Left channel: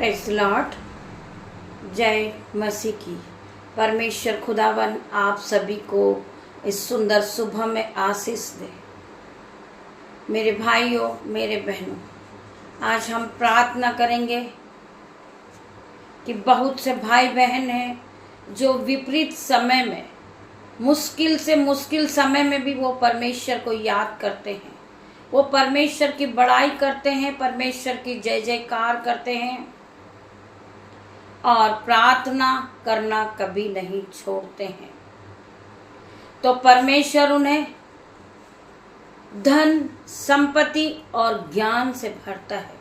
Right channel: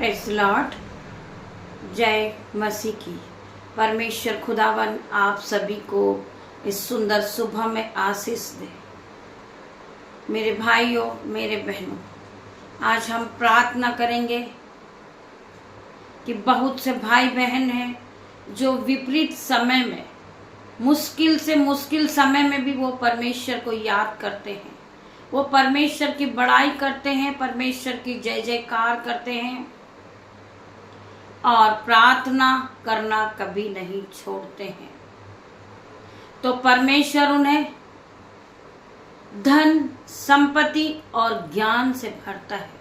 Praise Lord. जय मसीह की। परमेश्वर खुदावन आप सभी को इस सुंदर सुबह में आशीष दे। मेरे भाइयों, मेरे बहनों, आज हम प्रार्थना करेंगे कि बहुत से भाई बहन हैं जो विपरीत समय में, मुश्किल से मुश्किल समय में भी वो परमेश्वर को याद करते हैं, वो परमेश्वर की बड़ाई करते हैं, परमेश्वर की जय जयकार करते हैं और प्रार्थना करना कभी नहीं छोड़ते हैं। तो परमेश्वर उन्हें धन, संपत्ति और ज्ञान से भरता है।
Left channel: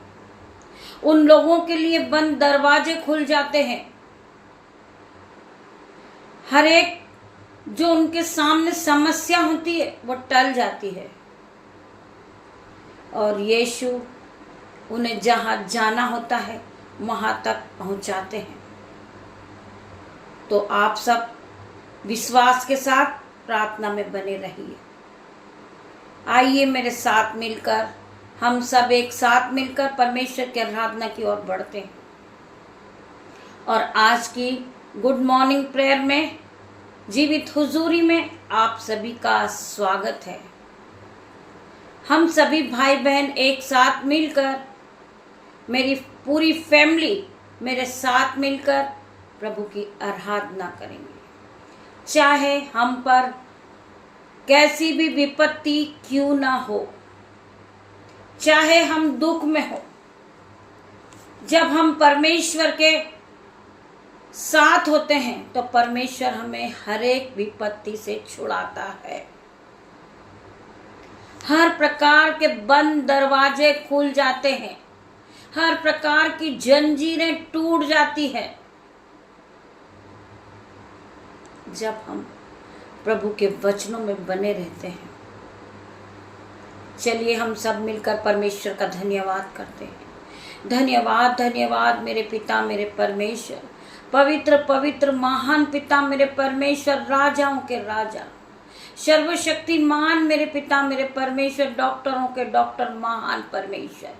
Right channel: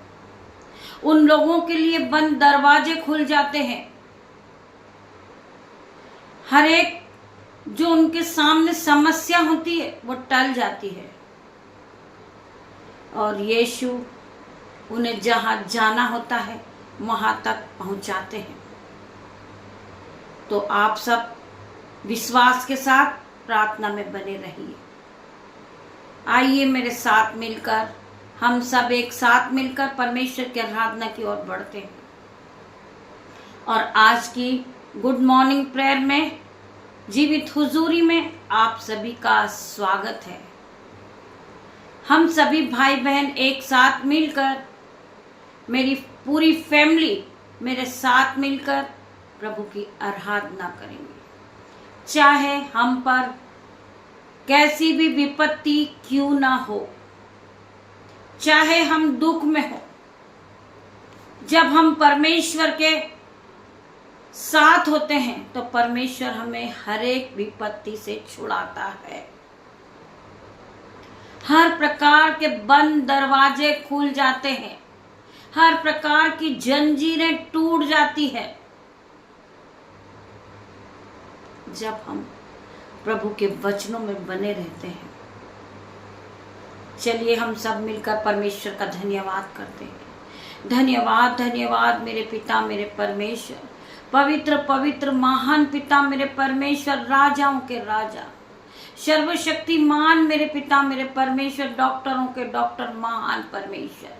उन लोगों के लिए बंद दरवाजे खुल जाते हैं। हर एक जो उनके सामने समस्या होती है वो टल जाती है और यीशु उन्हें जहां जाना होता है वहां तक पहुंचाते हैं। तो आप सब विश्वास के साथ प्रार्थना में बने रहिए। आइए मेरे साथ मिलकर हम सब एक साथ मिलकर परमेश्वर की आराधना की ओर बढ़ते हैं। और आज की गुड मॉर्निंग प्रेयर में, जीवित हुजूरी में आप सभी का स्वागत है। हम सभी भाई बहन एक साथ मिलकर, मेरी पूरी फैमिली मेरे साथ मिलकर प्रभु की आराधना करेंगे। चाहे हम पर कैसी भी विपत्ति क्यों ना हो, चाहे हम दुख में हो, जब हम परमेश्वर के साथ होते हैं तो परमेश्वर हमें हर एक विपत्ति से छुड़ाता है। हर प्रकार के बंद दरवाजे खुल जाते हैं, हर प्रकार की जंजीरें टूट जाती है जब हम प्रभु के वचनों में बने रहते हैं। चलिए हम सब मिलकर परमेश्वर का धन्यवाद करते हैं। धन्यवाद, धन्यवाद मेरे पिता, मेरे परमेश्वर, पवित्र पवित्र महान पिता, मेरे परमेश्वर, राजाओं के राजा, सर्वशक्तिमान मेरे पिता, मेरे परमेश्वर, डॉक्टरों के डॉक्टर, महान परमेश्वर,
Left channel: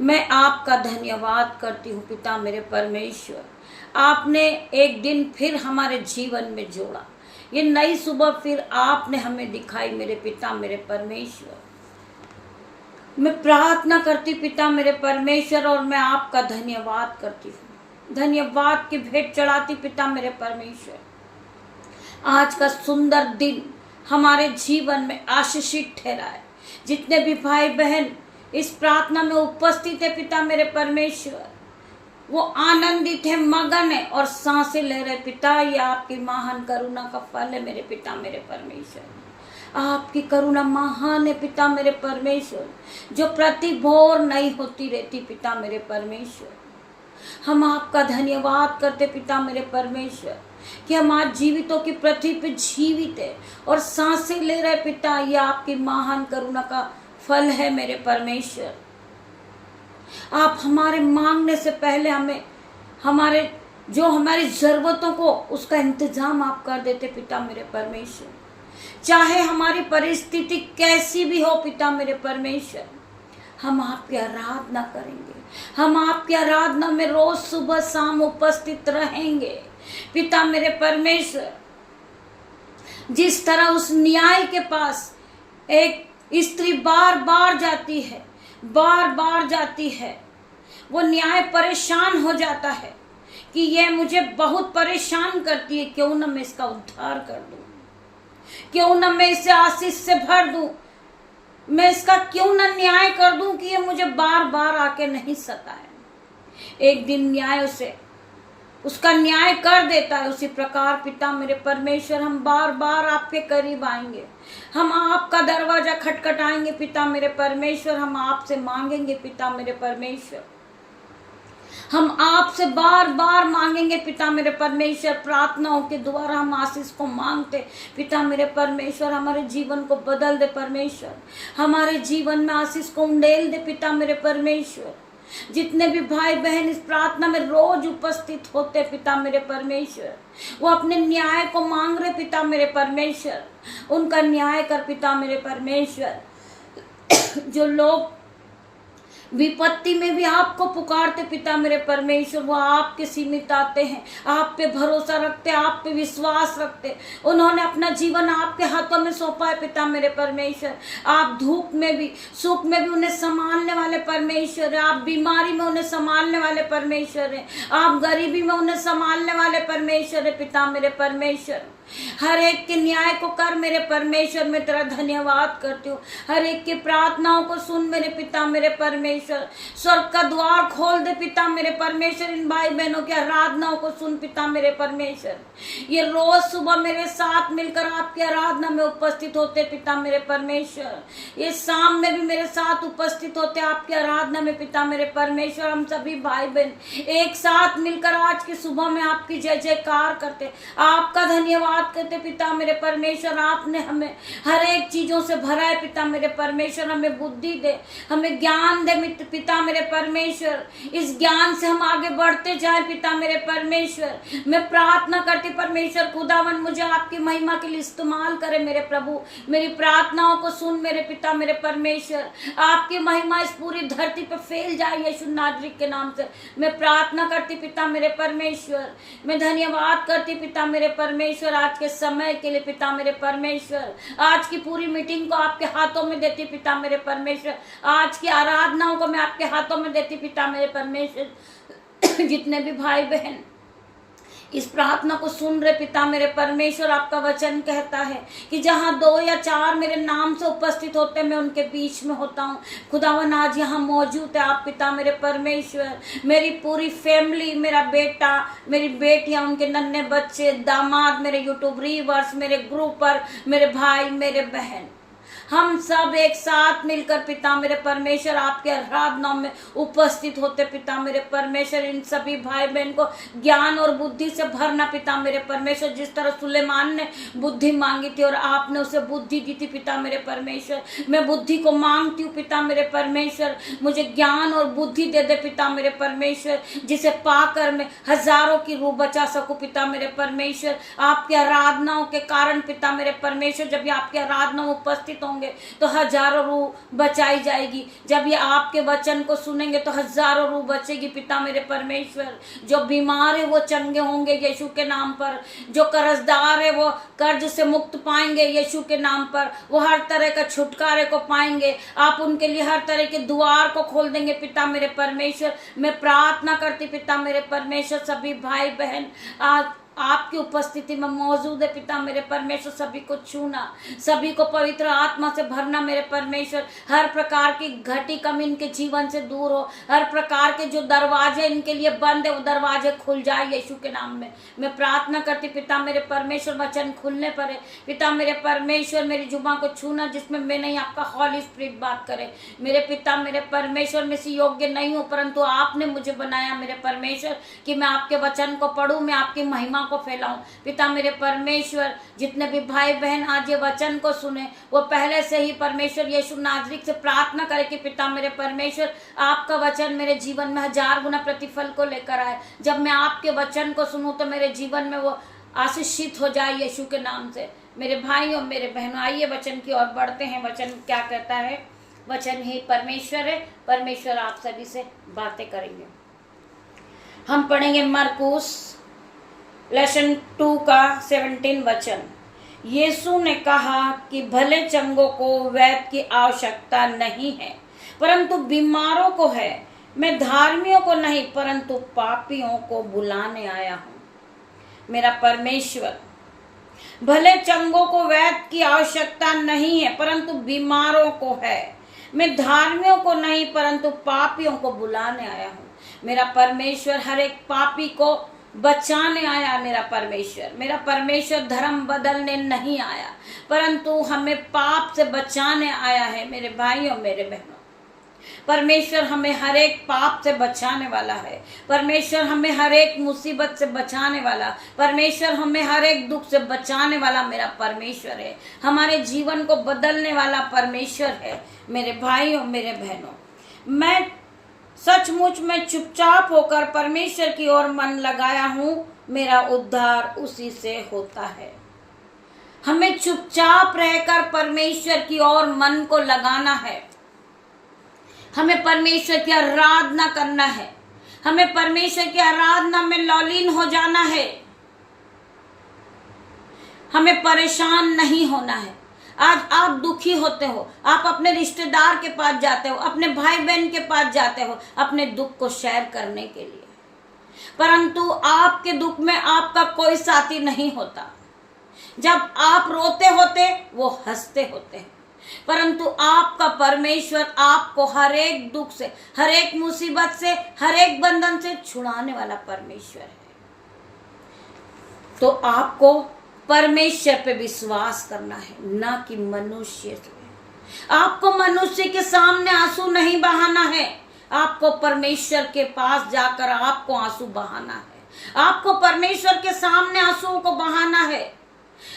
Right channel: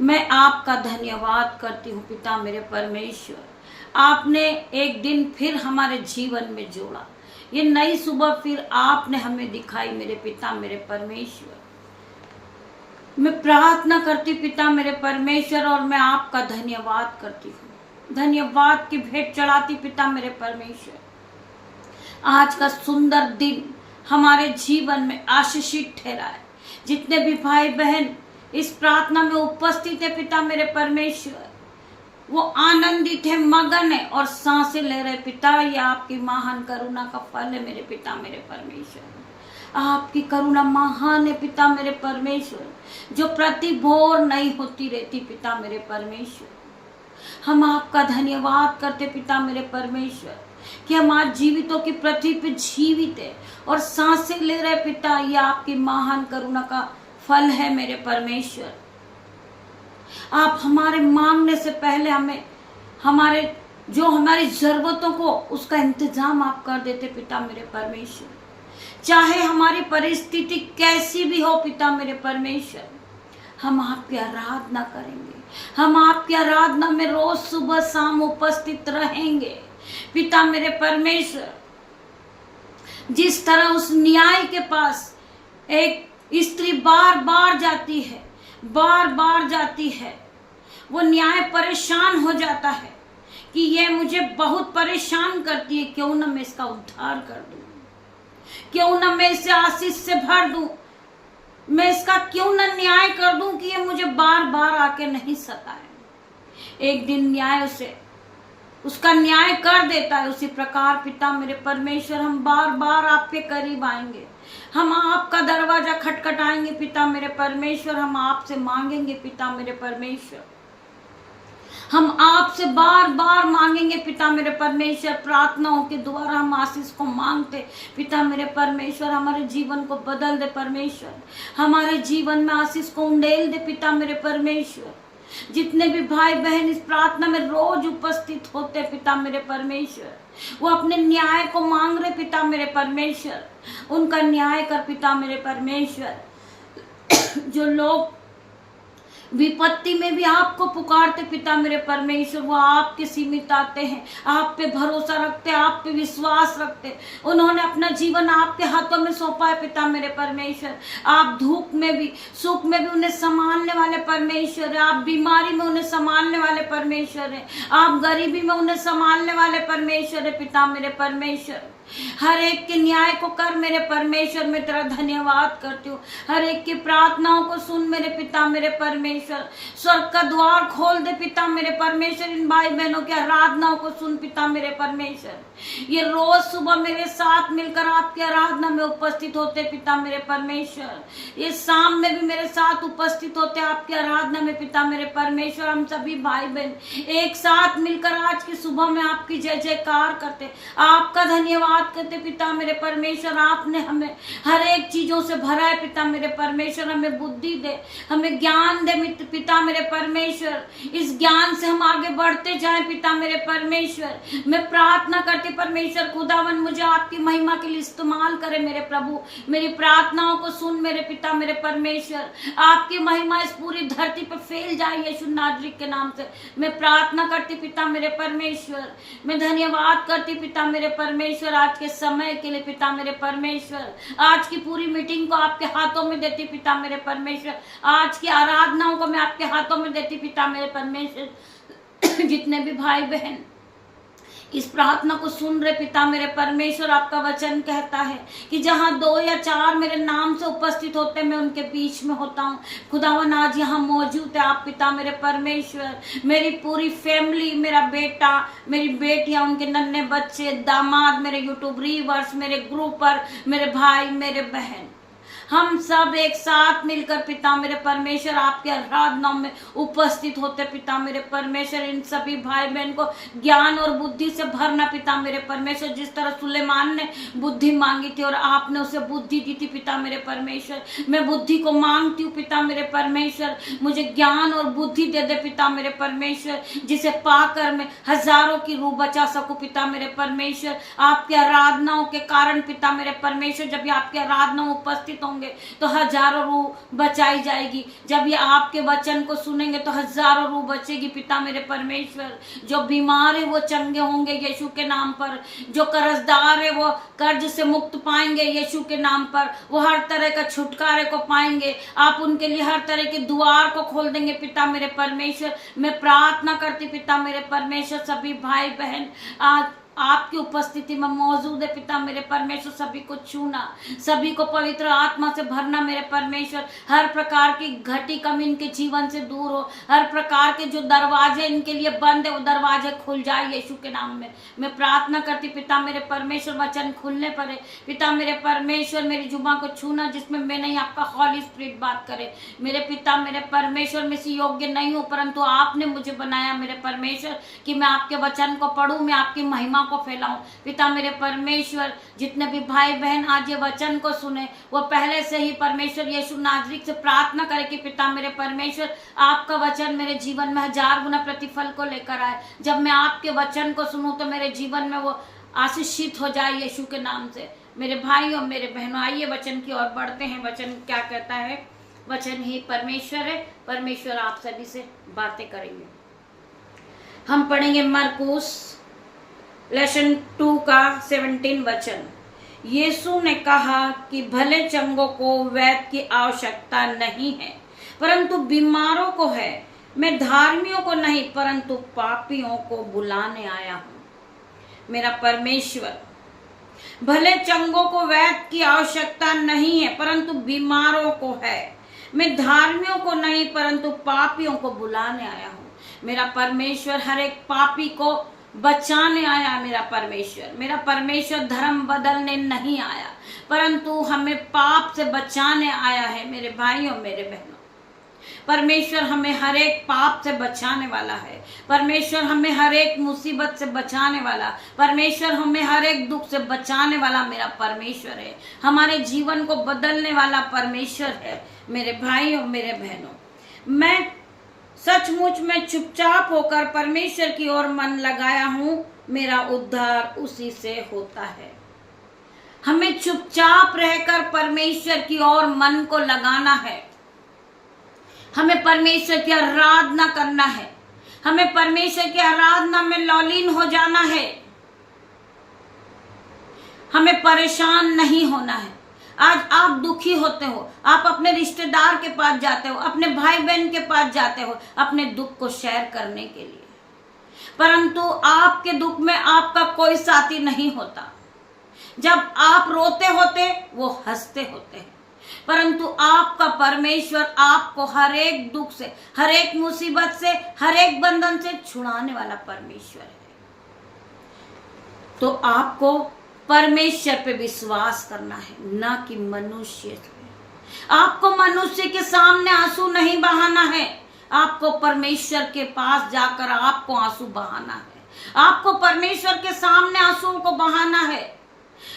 मैं आपका धन्यवाद करती हूँ पिता मेरे परमेश्वर। आपने एक दिन फिर हमारे जीवन में जोड़ा, ये नई सुबह फिर आपने हमें दिखाई मेरे पिता मेरे परमेश्वर। मैं प्रार्थना करती पिता मेरे परमेश्वर और मैं आपका धन्यवाद करती हूँ, धन्यवाद की भेंट चढ़ाती पिता मेरे परमेश्वर। आज का सुंदर दिन हमारे जीवन में आशीषित ठहरा है। जितने भी भाई बहन इस प्रार्थना में उपस्थित है पिता मेरे परमेश्वर, वो आनंदित है, मगन है और सांसें ले रहे पिता। ये आपकी महान करुणा का फल है मेरे पिता मेरे परमेश्वर। आपकी करुणा महान है पिता मेरे परमेश्वर, जो प्रति भोर नहीं होती रहती पिता मेरे परमेश्वर। हम आपका धन्यवाद करते पिता मेरे परमेश्वर कि हम आज जीवितों की पृथ्वी पे जीवित है और सांसें ले रहे पिता। ये आपकी महान करुणा का फल है मेरे परमेश्वर। आप हमारे मांगने से पहले हमें हमारी जरूरतों को उसका इंतजाम आप कर देते पिता मेरे परमेश्वर। चाहे हमारी परिस्थिति कैसी भी हो पिता मेरे परमेश्वर, हम आपकी आराधना करेंगे, हम आपकी आराधना में रोज सुबह शाम उपस्थित रहेंगे पिता मेरे परमेश्वर। जिस तरह उस न्याय के पास एक स्त्री बार बार जाती है, बार बार जाती है, वो न्याय परेशान हो जाता है कि ये मुझे बहुत परेशान करती है, क्यों न मैं इसका उद्धार कर दूं, क्यों न मैं इसे आशीष से भर दूं, मैं इसका क्यों न न्याय कर दूं कि ये मुझे बार बार आके नहीं सताए। एक दिन न्याय उसका न्याय कर देता है। उसी प्रकार पिता मेरे परमेश्वर हम बार बार आपके करीब आएंगे, हम आपका दरवाजा खटखटाएंगे पिता मेरे परमेश्वर, हम आपसे मांगेंगे पिता मेरे परमेश्वर, हम आपसे बार बार मांगेंगे पिता मेरे परमेश्वर। प्रार्थनाओं के द्वारा हम आशीष को मांगते पिता मेरे परमेश्वर। हमारे जीवन को बदल दे परमेश्वर, हमारे जीवन में आशीष को उंडेल दे पिता मेरे परमेश्वर। जितने भी भाई बहन इस प्रार्थना में रोज उपस्थित होते पिता मेरे परमेश्वर, वो अपने न्याय को मांग रहे पिता मेरे परमेश्वर। उनका न्याय कर पिता मेरे परमेश्वर। जो लोग विपत्ति में भी आपको पुकारते पिता मेरे परमेश्वर, वो आपके सीमित आते हैं, आप पे भरोसा रखते, आप पे विश्वास रखते। उन्होंने अपना जीवन आपके हाथों में सौंपा है पिता मेरे परमेश्वर। आप धूप में भी सुख में भी उन्हें संभालने वाले परमेश्वर है। आप बीमारी में उन्हें संभालने वाले परमेश्वर है। आप गरीबी में उन्हें संभालने वाले परमेश्वर है पिता मेरे परमेश्वर। हर एक के न्याय को कर मेरे परमेश्वर, मैं तेरा धन्यवाद करती हूँ। हर एक की प्रार्थनाओं को सुन मेरे पिता मेरे परमेश्वर। स्वर्ग का द्वार खोल दे पिता मेरे परमेश्वर। इन भाई बहनों की आराधनाओं को सुन पिता मेरे परमेश्वर। ये रोज सुबह मेरे साथ मिलकर आपकी आराधना में उपस्थित होते पिता मेरे परमेश्वर। ये शाम में भी मेरे साथ उपस्थित होते आपकी आराधना में पिता मेरे परमेश्वर। हम सभी भाई बहन एक साथ मिलकर आज की सुबह में आपकी जय जयकार करते, आपका धन्यवाद करते पिता मेरे परमेश्वर। आपने हमें हर एक चीजों से भरा है पिता मेरे परमेश्वर। हमें बुद्धि दे, हमें ज्ञान दे पिता मेरे परमेश्वर। इस ज्ञान से हम आगे बढ़ते जाएं पिता मेरे परमेश्वर। मैं प्रार्थना करती परमेश्वर खुदावन, मुझे आपकी महिमा के लिए इस्तेमाल करे मेरे प्रभु। मेरी प्रार्थनाओं को सुन मेरे पिता मेरे परमेश्वर। आपकी महिमा इस पूरी धरती पर फैल जाए यीशु नाज़री के नाम से मैं प्रार्थना करती पिता मेरे परमेश्वर। मैं धन्यवाद करती पिता मेरे परमेश्वर आज के समय के लिए पिता मेरे परमेश्वर। आज की पूरी मीटिंग को आपके हाथों में देती पिता मेरे परमेश्वर। आज की आराधनाओं को मैं आपके हाथों में देती पिता मेरे परमेश्वर। जितने भी भाई बहन इस प्रार्थना को सुन रहे पिता मेरे परमेश्वर, आपका वचन कहता है कि जहां 2 या 4 मेरे नाम से उपस्थित होते मैं उनके बीच में होता हूँ। खुदावन आज यहाँ मौजूद है आप पिता मेरे परमेश्वर। मेरी पूरी फैमिली, मेरा बेटा, मेरी बेटियां, उनके नन्हे बच्चे, दामाद, मेरे यूट्यूब रीवर्स, मेरे ग्रुपर, मेरे भाई, मेरे बहन, हम सब एक साथ मिलकर पिता मेरे परमेश्वर आपके आराधना में उपस्थित होते पिता मेरे परमेश्वर। इन सभी भाई बहन को ज्ञान और बुद्धि से भरना पिता मेरे परमेश्वर। जिस तरह सुलेमान ने बुद्धि मांगी थी और आपने उसे बुद्धि दी थी पिता मेरे परमेश्वर, मैं बुद्धि को मांगती हूँ पिता मेरे परमेश्वर। मुझे ज्ञान और बुद्धि दे दे पिता मेरे परमेश्वर, जिसे पाकर मैं हजारों की रूह बचा सकूं पिता मेरे परमेश्वर। आपकी आराधनाओं के कारण पिता मेरे परमेश्वर, जब ये आपकी आराधना में उपस्थित होंगे तो हजारों रूह बचाई जाएगी। जब ये आपके वचन को सुनेंगे तो हजारों रूह बचेगी पिता मेरे परमेश्वर। जो बीमार है वो चंगे होंगे यीशु के नाम पर। जो कर्जदार है वो कर्ज से मुक्त पाएंगे यीशु के नाम पर। वो हर तरह का छुटकारे को पाएंगे। आप उनके लिए हर तरह के द्वार को खोल देंगे पिता मेरे परमेश्वर। मैं प्रार्थना करती पिता मेरे परमेश्वर, सभी भाई बहन आज आपकी उपस्थिति में मौजूद है पिता मेरे परमेश्वर। सभी को छूना, सभी को पवित्र आत्मा से भरना मेरे परमेश्वर। हर प्रकार की घटी कमी इनके जीवन से दूर हो। हर प्रकार के जो दरवाजे इनके लिए बंद है वो दरवाजे खुल जाए यीशु के नाम में। मैं प्रार्थना करती पिता मेरे परमेश्वर, वचन खुलने पर है पिता मेरे परमेश्वर। मेरी जुबान को छूना जिसमें मैं नहीं, आपका हॉली स्पिरिट बात करे मेरे पिता मेरे परमेश्वर। मैं इसी योग्य नहीं हूँ, परंतु आपने मुझे बनाया मेरे परमेश्वर कि मैं आपके वचन को पढ़ूं, मैं आपकी महिमा को फैलाऊं पिता मेरे परमेश्वर। जितने भी भाई बहन आज ये वचन को सुने वो पहले से ही परमेश्वर यीशु नाज़री से प्रार्थना करे कि पिता मेरे परमेश्वर आपका वचन मेरे जीवन में 1000 गुना प्रतिफल को लेकर आए। जब मैं आपके वचन को सुनूं तो मेरे जीवन में वो आशीषित हो जाए यीशु के नाम से। मेरे भाई और मेरे बहनों, आइए वचन की ओर बढ़ते हैं। वचन क्या कहता है? वचन ही परमेश्वर है। परमेश्वर आप सभी से बातें करेंगे। हम पढ़ेंगे मरकुस लेसन 2 का 17 वचन। यीशु ने कहा कि भले चंगों को वैद्य की आवश्यकता नहीं है, परंतु बीमारों को है। मैं धार्मियों को नहीं परंतु पापियों को बुलाने आया हूँ। मेरा परमेश्वर, भले चंगों को वैद्य की आवश्यकता नहीं है परंतु बीमारों को है। मैं धार्मियों को नहीं परंतु पापियों को बुलाने आया हूँ। मेरा परमेश्वर हर एक पापी को बचाने आया। मेरा परमेश्वर धर्म बदलने नहीं आया परंतु हमें पाप से बचाने आया है। मेरे भाइयों मेरे बहनों, परमेश्वर हमें हर एक पाप से बचाने वाला है। परमेश्वर हमें हर एक मुसीबत से बचाने वाला, परमेश्वर हमें हर एक दुख से बचाने वाला मेरा परमेश्वर है। हमारे जीवन को बदलने वाला परमेश्वर है। मेरे भाइयों मेरे बहनों, मैं सचमुच में चुपचाप होकर परमेश्वर की ओर मन लगाया हूँ। मेरा उद्धार उसी से होता है। हमें चुपचाप रहकर परमेश्वर की ओर मन को लगाना है। हमें परमेश्वर की आराधना करना है, हमें परमेश्वर की आराधना में लौलीन हो जाना है, हमें परेशान नहीं होना है। आज आप दुखी होते हो, आप अपने रिश्तेदार के पास जाते हो, अपने भाई बहन के पास जाते हो अपने दुख को शेयर करने के लिए, परंतु आपके दुख में आपका कोई साथी नहीं होता। जब आप रोते होते वो हंसते होते हैं, परंतु आपका परमेश्वर आपको हर एक दुख से, हर एक मुसीबत से, हर एक बंधन से छुड़ाने वाला परमेश्वर है। तो आपको परमेश्वर पे विश्वास करना है, ना कि मनुष्य पे। आपको मनुष्य के सामने आंसू नहीं बहाना है, आपको परमेश्वर के पास जाकर आपको आंसू बहाना है। आपको परमेश्वर के सामने आंसुओं को बहाना है,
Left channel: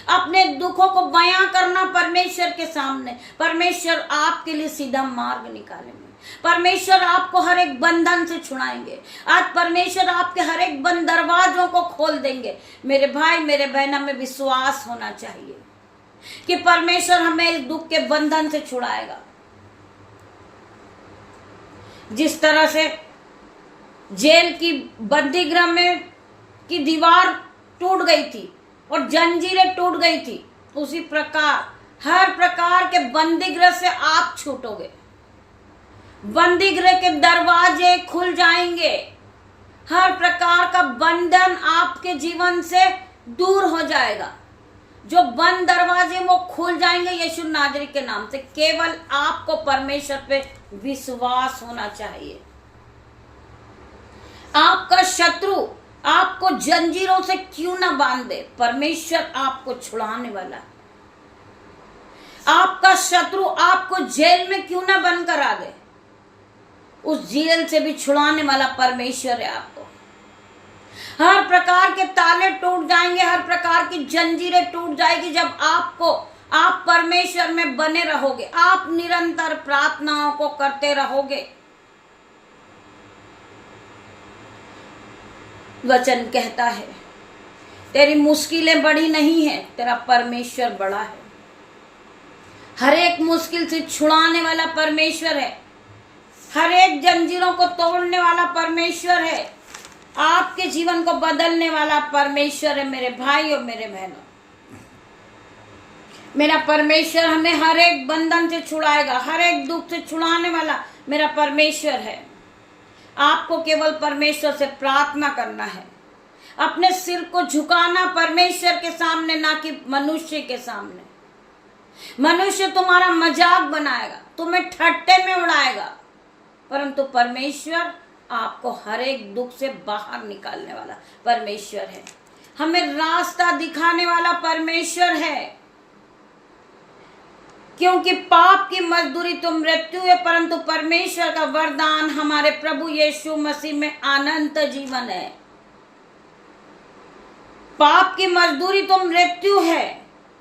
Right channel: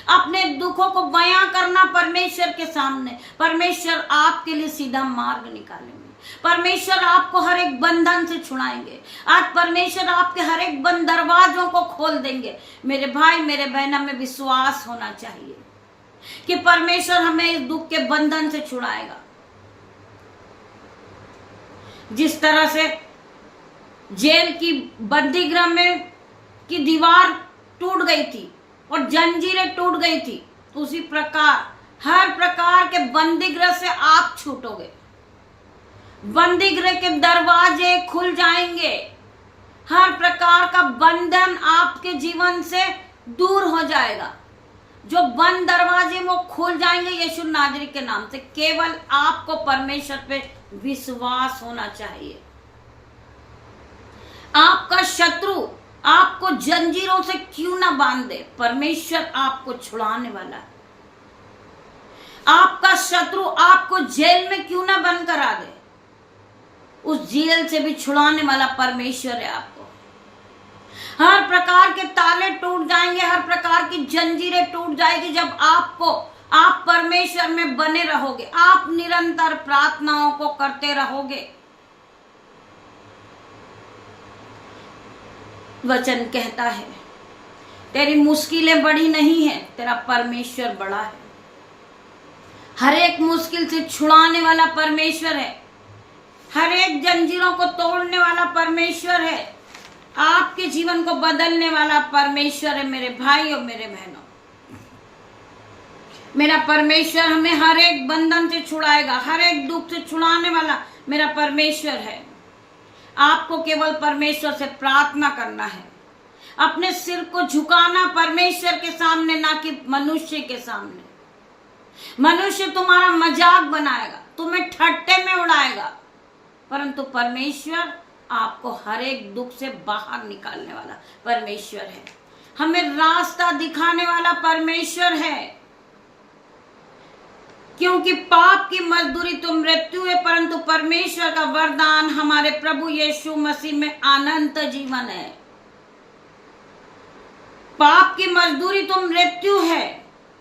अपने दुखों को बयां करना परमेश्वर के सामने। परमेश्वर आपके लिए सीधा मार्ग निकालेंगे, परमेश्वर आपको हर एक बंधन से छुड़ाएंगे। आज परमेश्वर आपके हर एक बंद दरवाजों को खोल देंगे। मेरे भाई मेरे बहन, हमें विश्वास होना चाहिए कि परमेश्वर हमें इस दुख के बंधन से छुड़ाएगा। जिस तरह से जेल की बंदी गृह में की दीवार टूट गई थी और जंजीरें टूट गई थी, उसी प्रकार हर प्रकार के बंदी गृह से आप छूटोगे। बंदी गृह के दरवाजे खुल जाएंगे, हर प्रकार का बंधन आपके जीवन से दूर हो जाएगा। जो बंद दरवाजे वो खुल जाएंगे यीशु नाजरी के नाम से। केवल आपको परमेश्वर पे विश्वास होना चाहिए। आपका शत्रु आपको जंजीरों से क्यों ना बांध दे, परमेश्वर आपको छुड़ाने वाला है। आपका शत्रु आपको जेल में क्यों ना बंद करा दे, उस जेल से भी छुड़ाने वाला परमेश्वर है। आपको हर प्रकार के ताले टूट जाएंगे, हर प्रकार की जंजीरें टूट जाएगी जब आप परमेश्वर में बने रहोगे, आप निरंतर प्रार्थनाओं को करते रहोगे। वचन कहता है तेरी मुश्किलें बड़ी नहीं है, तेरा परमेश्वर बड़ा है। हर एक मुश्किल से छुड़ाने वाला परमेश्वर है, हर एक जंजीरों को तोड़ने वाला परमेश्वर है, आपके जीवन को बदलने वाला परमेश्वर है। मेरे भाई और मेरे बहनों, मेरा परमेश्वर हमें हर एक बंधन से छुड़ाएगा, हर एक दुख से छुड़ाने वाला मेरा परमेश्वर है। आपको केवल परमेश्वर से प्रार्थना करना है, अपने सिर को झुकाना परमेश्वर के सामने, ना कि मनुष्य के सामने। मनुष्य तुम्हारा मजाक बनाएगा, तुम्हें ठट्टे में उड़ाएगा, परंतु परमेश्वर आपको हर एक दुख से बाहर निकालने वाला परमेश्वर है। हमें रास्ता दिखाने वाला परमेश्वर है, क्योंकि पाप की मजदूरी तो मृत्यु है, परंतु परमेश्वर का वरदान हमारे प्रभु यीशु मसीह में अनंत जीवन है। पाप की मजदूरी तो मृत्यु है,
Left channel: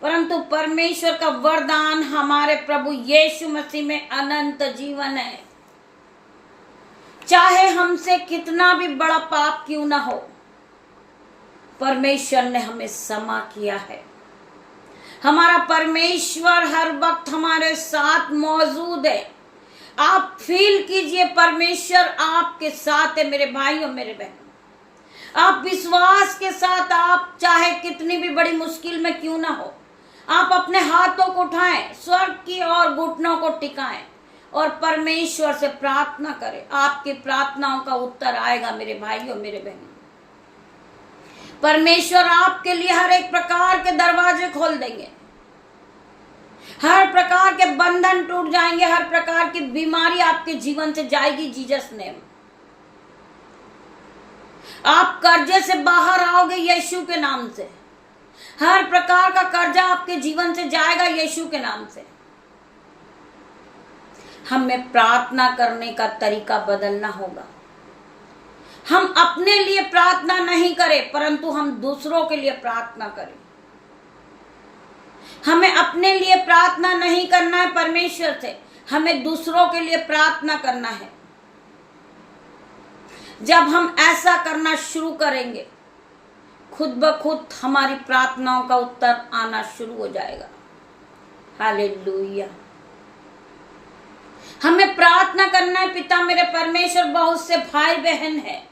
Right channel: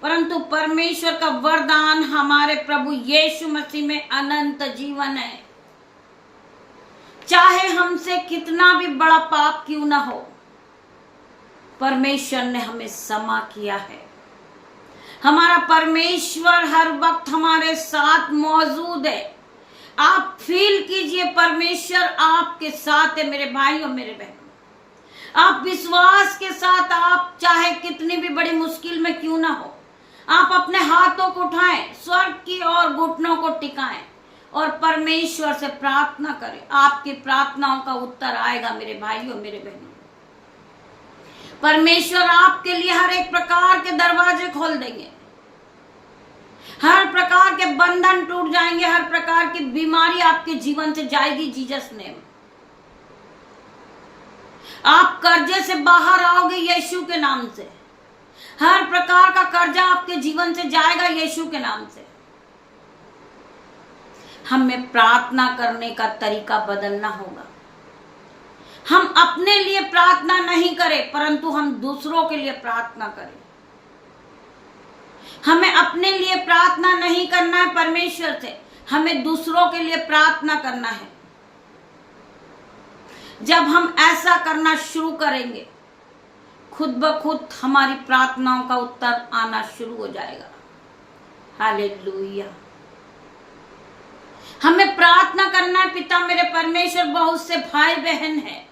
परंतु परमेश्वर का वरदान हमारे प्रभु यीशु मसीह में अनंत जीवन है। चाहे हमसे कितना भी बड़ा पाप क्यों ना हो, परमेश्वर ने हमें क्षमा किया है। हमारा परमेश्वर हर वक्त हमारे साथ मौजूद है। आप फील कीजिए, परमेश्वर आपके साथ है मेरे भाई और मेरे बहनों। आप विश्वास के साथ, आप चाहे कितनी भी बड़ी मुश्किल में क्यों ना हो, आप अपने हाथों को उठाएं, स्वर्ग की ओर घुटनों को टिकाएं और परमेश्वर से प्रार्थना करें। आपकी प्रार्थनाओं का उत्तर आएगा मेरे भाई और मेरे बहनों। परमेश्वर आपके लिए हर एक प्रकार के दरवाजे खोल देंगे, हर प्रकार के बंधन टूट जाएंगे, हर प्रकार की बीमारी आपके जीवन से जाएगी जीसस नेम। आप कर्जे से बाहर आओगे यीशु के नाम से। हर प्रकार का कर्जा आपके जीवन से जाएगा यीशु के नाम से। हमें प्रार्थना करने का तरीका बदलना होगा। हम अपने लिए प्रार्थना नहीं करें, परंतु हम दूसरों के लिए प्रार्थना करें। हमें अपने लिए प्रार्थना नहीं करना है परमेश्वर से, हमें दूसरों के लिए प्रार्थना करना है। जब हम ऐसा करना शुरू करेंगे, खुद ब खुद हमारी प्रार्थनाओं का उत्तर आना शुरू हो जाएगा। हालेलुया। हमें प्रार्थना करना है, पिता मेरे परमेश्वर, बहुत से भाई बहन हैं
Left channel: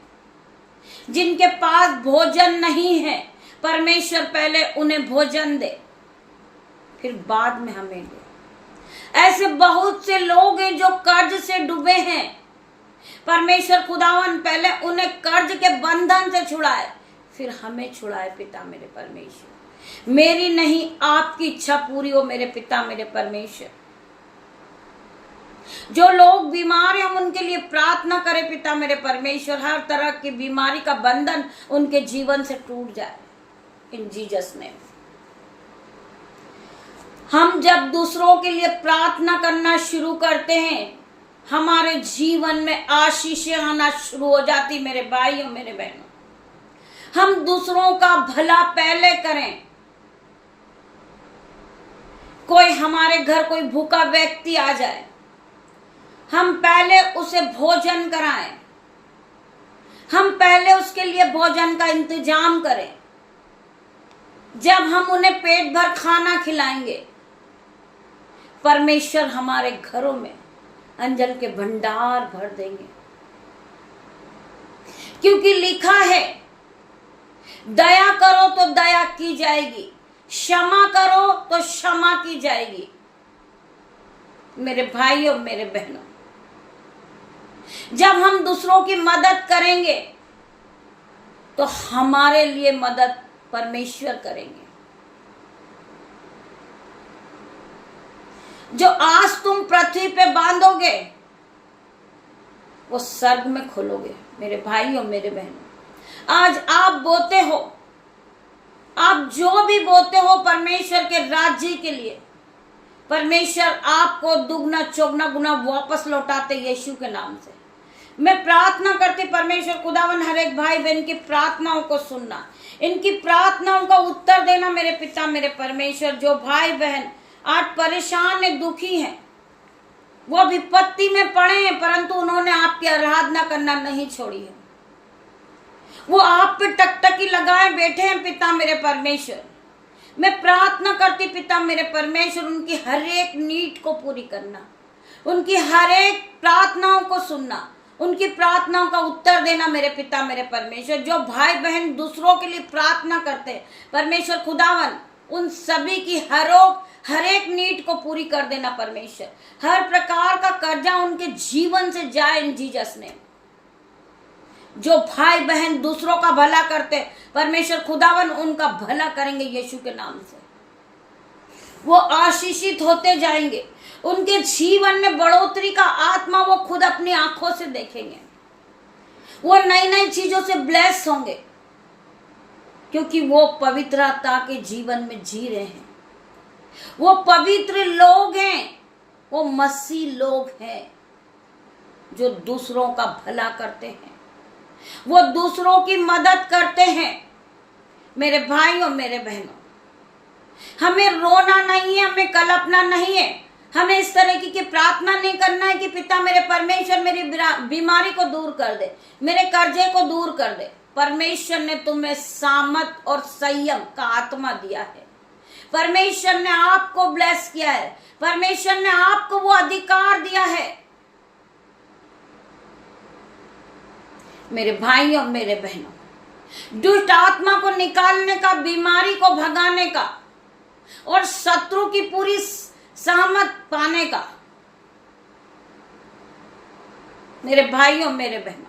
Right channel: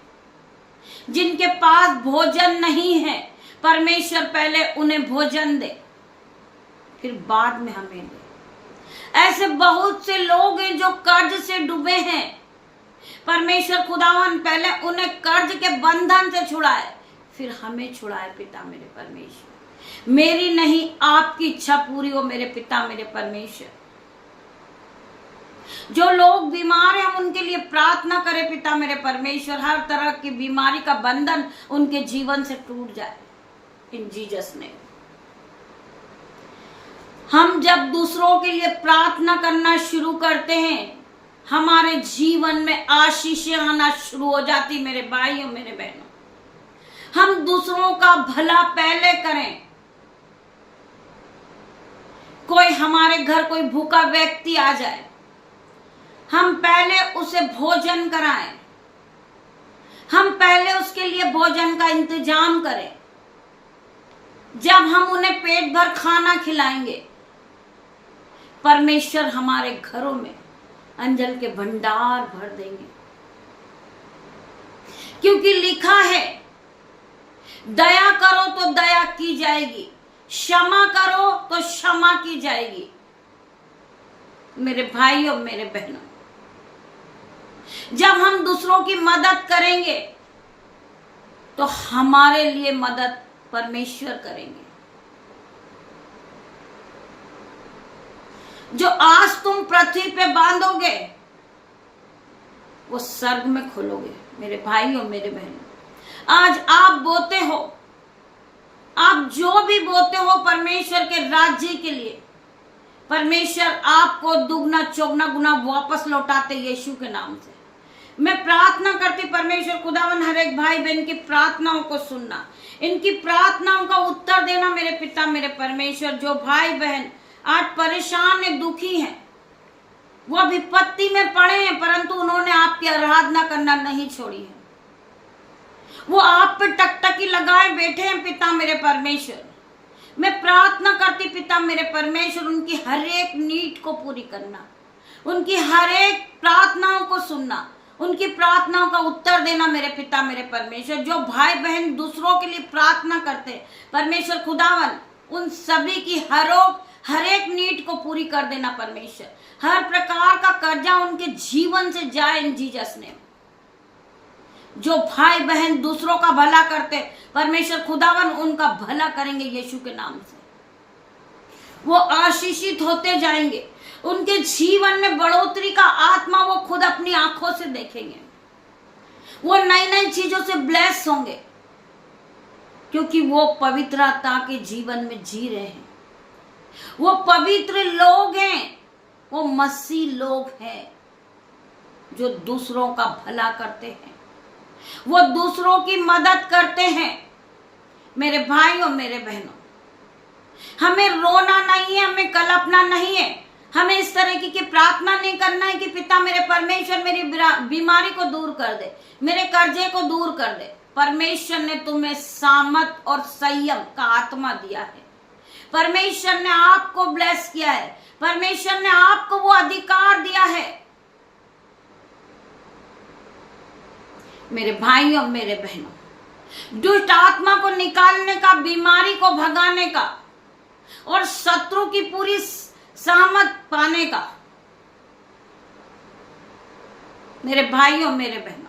जिनके पास भोजन नहीं है, परमेश्वर पहले उन्हें भोजन दे, फिर बाद में हमें दे। ऐसे बहुत से लोग हैं जो कर्ज से डूबे हैं, परमेश्वर खुदावन पहले उन्हें कर्ज के बंधन से छुड़ाए, फिर हमें छुड़ाए। पिता मेरे परमेश्वर, मेरी नहीं आपकी इच्छा पूरी हो मेरे पिता मेरे परमेश्वर। जो लोग बीमार हैं हम उनके लिए प्रार्थना करें पिता मेरे परमेश्वर, हर तरह की बीमारी का बंधन उनके जीवन से टूट जाए इन जीसस नेम। हम जब दूसरों के लिए प्रार्थना करना शुरू करते हैं, हमारे जीवन में आशीषें आना शुरू हो जाती। मेरे भाइयों मेरे बहनों, हम दूसरों का भला पहले करें। कोई हमारे घर कोई भूखा व्यक्ति आ जाए, हम पहले उसे भोजन कराएं, हम पहले उसके लिए भोजन का इंतजाम करें। जब हम उन्हें पेट भर खाना खिलाएंगे, परमेश्वर हमारे घरों में अंजल के भंडार भर देंगे। क्योंकि लिखा है, दया करो तो दया की जाएगी, क्षमा करो तो क्षमा की जाएगी। मेरे भाइयों मेरे बहनों, जब हम दूसरों की मदद करेंगे तो हमारे लिए मदद परमेश्वर करेंगे। जो आज तुम पृथ्वी पे बांधोगे वो स्वर्ग में खोलोगे। मेरे भाइयों मेरे बहनों, आज आप बोते हो, आप जो भी बोते हो परमेश्वर के राज्य के लिए, परमेश्वर आपको दुगना चौगना गुना वापस लौटाते यीशु के नाम से। मैं प्रार्थना करती परमेश्वर खुदावन हर एक भाई बहन की प्रार्थनाओं को सुनना, इनकी प्रार्थनाओं का उत्तर देना मेरे पिता मेरे परमेश्वर। जो भाई बहन आज परेशान है, दुखी हैं, वो विपत्ति में पड़े हैं, परंतु उन्होंने आपकी आराधना करना नहीं छोड़ी है, वो आप पे टकटकी लगाए बैठे हैं पिता मेरे परमेश्वर। मैं प्रार्थना करती पिता मेरे परमेश्वर, उनकी हर एक नीड को पूरी करना, उनकी हर एक प्रार्थनाओं को सुनना, उनकी प्रार्थनाओं का उत्तर देना मेरे पिता मेरे परमेश्वर। जो भाई बहन दूसरों के लिए प्रार्थना करते परमेश्वर खुदावन, उन सभी की हर एक नीड को पूरी कर देना परमेश्वर। हर प्रकार का कर्जा उनके जीवन से जाए इन जीसस नेम। जो भाई बहन दूसरों का भला करते परमेश्वर खुदावन उनका भला करेंगे यीशु के नाम से। वो आशीषित होते जाएंगे, उनके जीवन में बढ़ोतरी का आत्मा वो खुद अपनी आंखों से देखेंगे। वो नई नई चीजों से ब्लेस होंगे, क्योंकि वो पवित्रता के जीवन में जी रहे हैं। वो पवित्र लोग हैं, वो मसीह लोग हैं जो दूसरों का भला करते हैं, वो दूसरों की मदद करते हैं। मेरे भाइयों मेरे बहनों, हमें रोना नहीं है, हमें कल्पना नहीं है, हमें इस तरह की प्रार्थना नहीं करना है कि पिता मेरे परमेश्वर मेरी बीमारी को दूर कर दे, मेरे कर्जे को दूर कर दे। परमेश्वर ने तुम्हें सामर्थ और संयम का आत्मा दिया है, परमेश्वर ने आपको ब्लेस किया है, परमेश्वर ने आपको वो अधिकार दिया है। मेरे भाइयों मेरे बहनों, दुष्ट आत्मा को निकालने का, बीमारी को भगाने का और शत्रु की पूरी सहमत पाने का, मेरे भाइयों मेरे बहनों,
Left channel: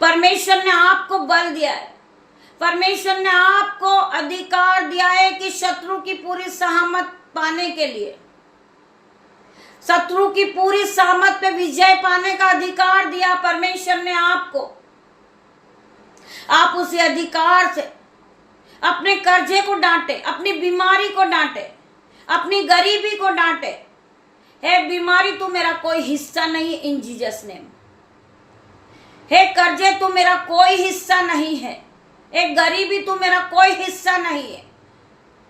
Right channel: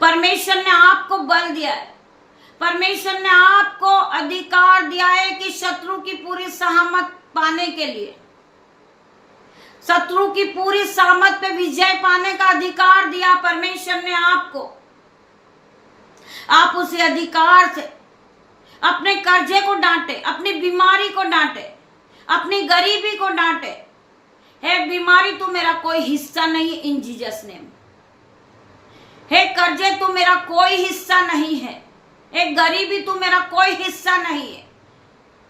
परमेश्वर ने आपको बल दिया है, परमेश्वर ने आपको अधिकार दिया है कि शत्रु की पूरी सहमत पाने के लिए, शत्रु की पूरी सहमत पे विजय पाने का अधिकार दिया परमेश्वर ने आपको। आप उसी अधिकार से अपने कर्जे को डांटे, अपनी बीमारी को डांटे, अपनी गरीबी को डांटे। हे बीमारी तू मेरा कोई हिस्सा नहीं इन जीसस नेम। हे कर्जे तू मेरा कोई हिस्सा नहीं है, हे गरीबी तू मेरा कोई हिस्सा नहीं है।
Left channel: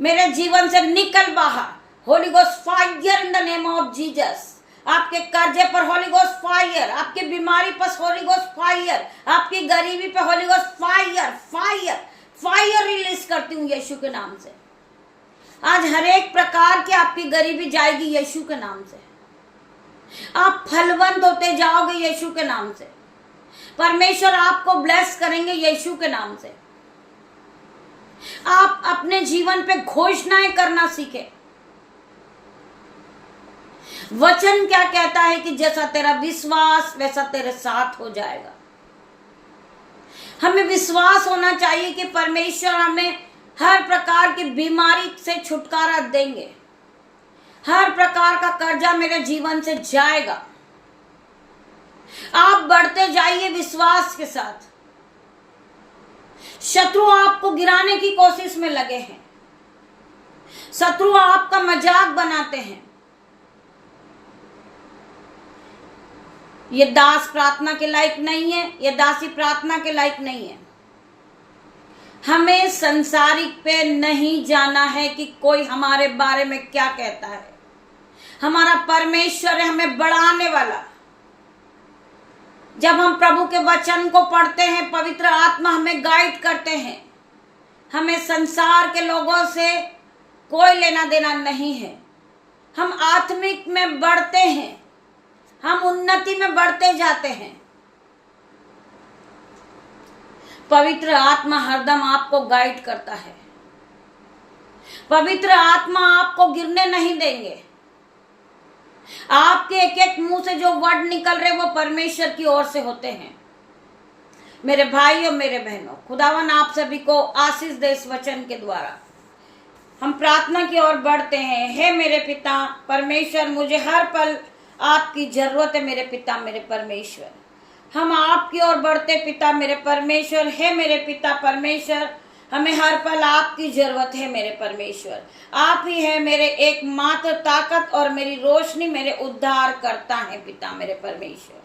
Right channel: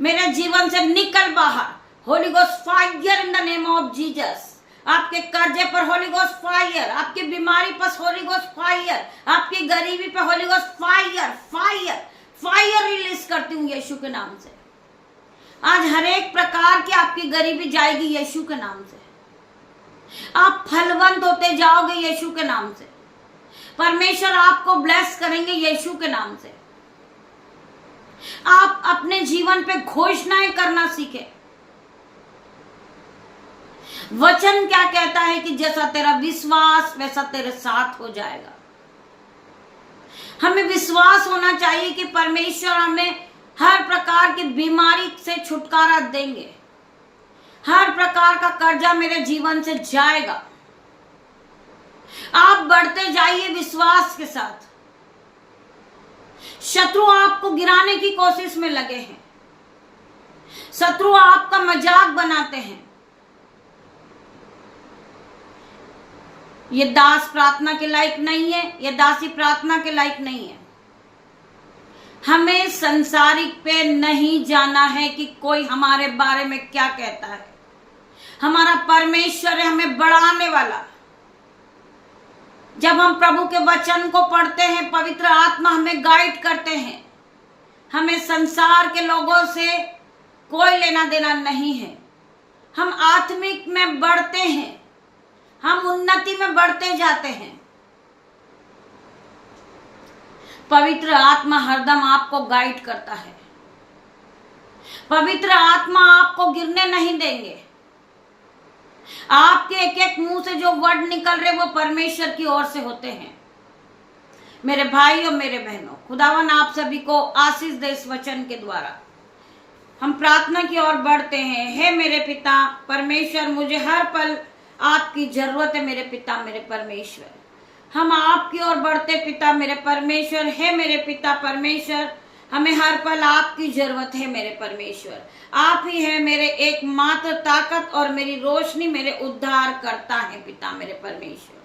मेरे जीवन से निकल बाहर। Holi ghost fire in the name of Jesus. आपके कर्जे पर होली गोस्ट फायर, आपकी बीमारी पर होली गोस्ट फायर, आपकी गरीबी पे Holi ghost fire fire fire release करती हूँ यीशु के नाम से। आज हर एक प्रकार की आपकी गरीबी जाएगी यीशु के नाम से। आप फलवंत होते जाओगे यीशु के नाम से। परमेश्वर आपको ब्लेस करेंगे यीशु के नाम से। आप अपने जीवन पे घोषणाएं करना सीखे। वचन क्या कहता है कि जैसा तेरा विश्वास वैसा तेरे साथ हो जाएगा। हमें विश्वास होना चाहिए कि परमेश्वर हमें हर प्रकार की बीमारी से छुटकारा देंगे। हर प्रकार का कर्जा मेरे जीवन से जाएगा। आप बढ़ते जाइए विश्वास के साथ। शत्रु आपको गिराने की कोशिश में लगे हैं। शत्रु आपका मजाक बनाते हैं। ये दास प्रार्थना के लायक नहीं है, ये दासी प्रार्थना के लायक नहीं है। हमें संसारिक पे नहीं जाना है कि कोई हमारे बारे में क्या कहता है। हमारा परमेश्वर है हमें बढ़ाने वाला। जब हम प्रभु के वचन को पढ़ते हैं, पवित्र आत्मा हमें गाइड करते हैं। हमें संसार के लोगों से कोई लेना देना नहीं है। हम आत्मिक में बढ़ते हैं, हम उन्नति में बढ़ते जाते हैं। पवित्र आत्मा हरदम आपको गाइड करता है। पवित्र आत्मा आपको गिरने नहीं देंगे। आपके एक एक मुंह से जो वर्ड निकल रहे वो परमेश्वर की ओर से होते हैं। मेरे भाई और मेरे बहनों, खुदावन आप सभी को आशीष दे इस वचन के द्वारा। हम प्रार्थना की ओर बढ़ते हैं। हे मेरे पिता परमेश्वर, मुझे हर पल आपकी जरूरत है मेरे पिता मेरे परमेश्वर। हम आपकी ओर बढ़ते पिता मेरे परमेश्वर। हे मेरे पिता परमेश्वर, हमें हर पल आपकी जरूरत है मेरे परमेश्वर। आप ही है मेरे एकमात्र ताकत और मेरी रोशनी, मेरे उद्धार करता है पिता मेरे परमेश्वर।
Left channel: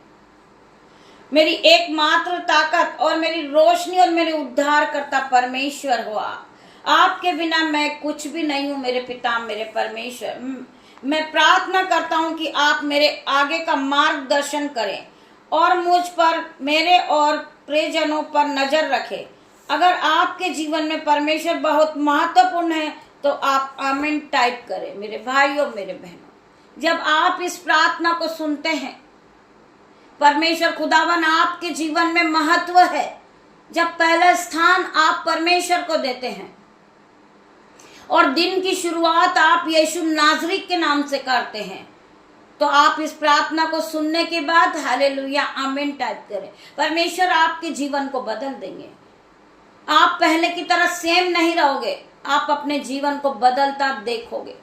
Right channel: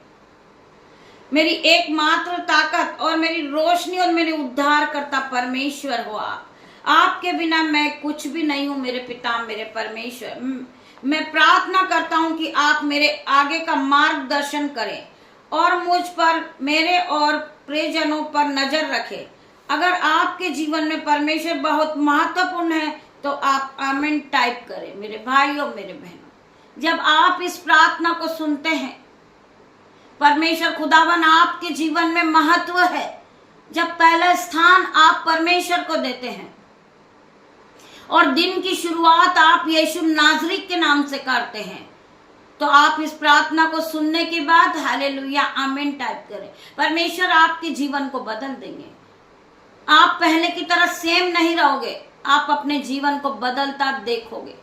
मेरी एकमात्र ताकत और मेरी रोशनी और मेरे उद्धार करता परमेश्वर हो आप। आपके बिना मैं कुछ भी नहीं हूं मेरे पिता मेरे परमेश्वर। मैं प्रार्थना करता हूं कि आप मेरे आगे का मार्गदर्शन करें और मुझ पर, मेरे और प्रियजनों पर नजर रखें। अगर आपके जीवन में परमेश्वर बहुत महत्वपूर्ण है तो आप आमीन टाइप करें। मेरे भाइयों मेरे बहनों, जब आप इस प्रार्थना को सुनते हैं, परमेश्वर खुदावन आपके जीवन में महत्व है। जब पहला स्थान आप परमेश्वर को देते हैं और दिन की शुरुआत आप यीशु नाजरी के नाम से करते हैं, तो आप इस प्रार्थना को सुनने के बाद हालेलुया आमीन टाइप करें। परमेश्वर आपके जीवन को बदल देंगे। आप पहले की तरह सेम नहीं रहोगे। आप अपने जीवन को बदलता देखोगे।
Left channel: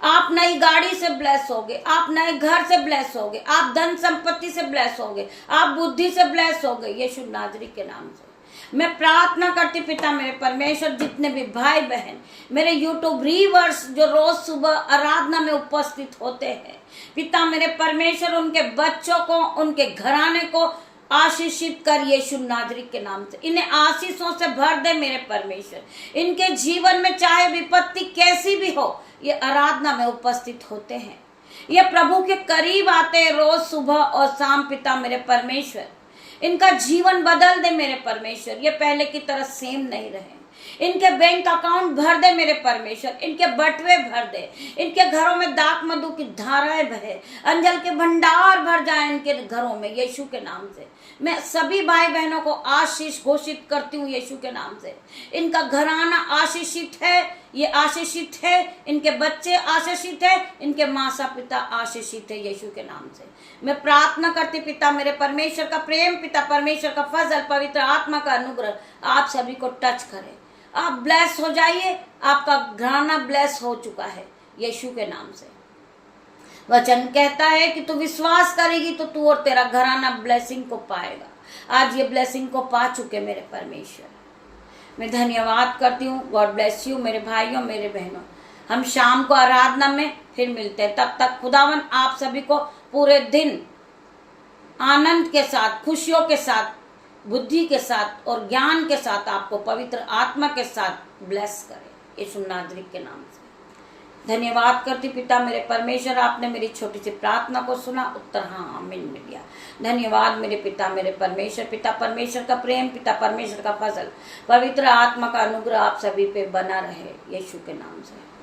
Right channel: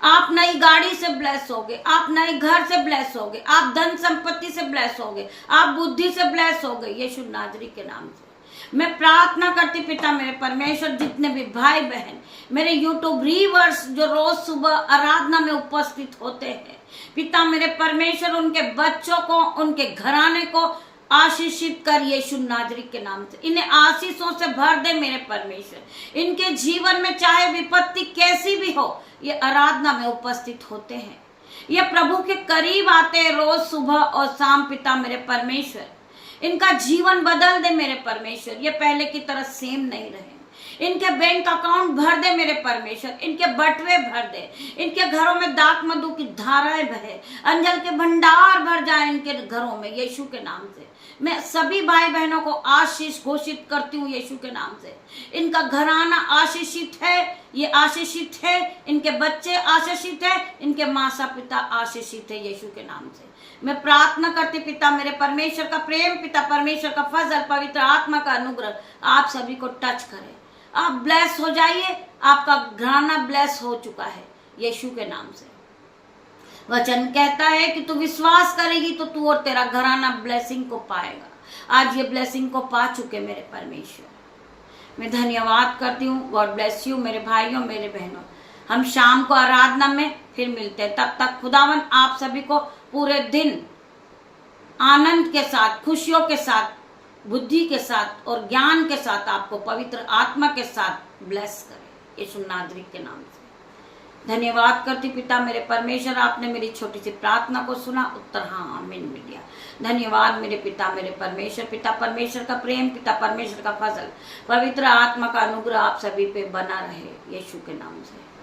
आप नई गाड़ी से ब्लेस होगे, आप नए घर से ब्लेस होगे, आप धन संपत्ति से ब्लेस होगे, आप बुद्धि से ब्लेस होगे यीशु नाजरी के नाम से। मैं प्रार्थना करती पिता मेरे परमेश्वर, जितने भी भाई बहन मेरे यूट्यूब व्यूअर्स जो रोज सुबह आराधना में उपस्थित होते हैं, पिता मेरे परमेश्वर उनके बच्चों को, उनके घराने को आशीषित कर यीशु नाजरी के नाम से। इन्हें आशीषों से भर दे मेरे परमेश्वर। इनके जीवन में चाहे विपत्ति कैसी भी हो, ये आराधना में उपस्थित होते हैं, ये प्रभु के करीब आते हैं रोज सुबह और शाम। पिता मेरे परमेश्वर, इनका जीवन बदल दे मेरे परमेश्वर। ये पहले की तरह सेम नहीं रहे। इनके बैंक अकाउंट भर दे मेरे परमेश्वर। इनके बटवे भर दे। इनके घरों में दाख मधु की धाराएं बहे, अंजल के भंडार भर जाए इनके घरों में यीशु के नाम से। मैं सभी भाई बहनों को आशीष घोषित करती हूँ यीशु के नाम से। इनका घराना आशीषित है, ये आशीषित है। इनके बच्चे आशीषित है, इनके माता पिता आशीषित है यीशु के नाम से। मैं प्रार्थना करती पिता मेरे परमेश्वर का प्रेम, पिता परमेश्वर का फजल, पवित्र आत्मा का अनुग्रह आप सभी को टच करे। आप ब्लेस हो जाइए। आपका घराना ब्लेस हो चुका है यीशु के नाम से। वचन कहता है कि तू विश्वास करेगी तो तू और तेरा घराना ब्लेसिंग को पाएगा। आज ये ब्लेसिंग को पा चुके मेरे परमेश्वर। मैं धन्यवाद करती हूँ। गॉड ब्लेस यू मेरे भाइयों मेरे बहनों। हम शाम को आराधना में फिर मिलते हैं। तब तक खुदावन आप सभी को पूरे दिन आनंद के साथ, खुशियों के साथ, बुद्धि के साथ और ज्ञान के साथ, आपको पवित्र आत्मा के साथ ब्लेस करे यीशु नाजरी के नाम से। धन्यवाद करती पिता मेरे परमेश्वर, आपने मेरी छोटी सी प्रार्थना को सुना, उत्तर हाँ आमीन मिल गया। धन्यवाद मेरे पिता मेरे परमेश्वर। पिता परमेश्वर का प्रेम, पिता परमेश्वर का फजल, पवित्र आत्मा का अनुग्रह आप सभी पे बना रहे यीशु के नाम से।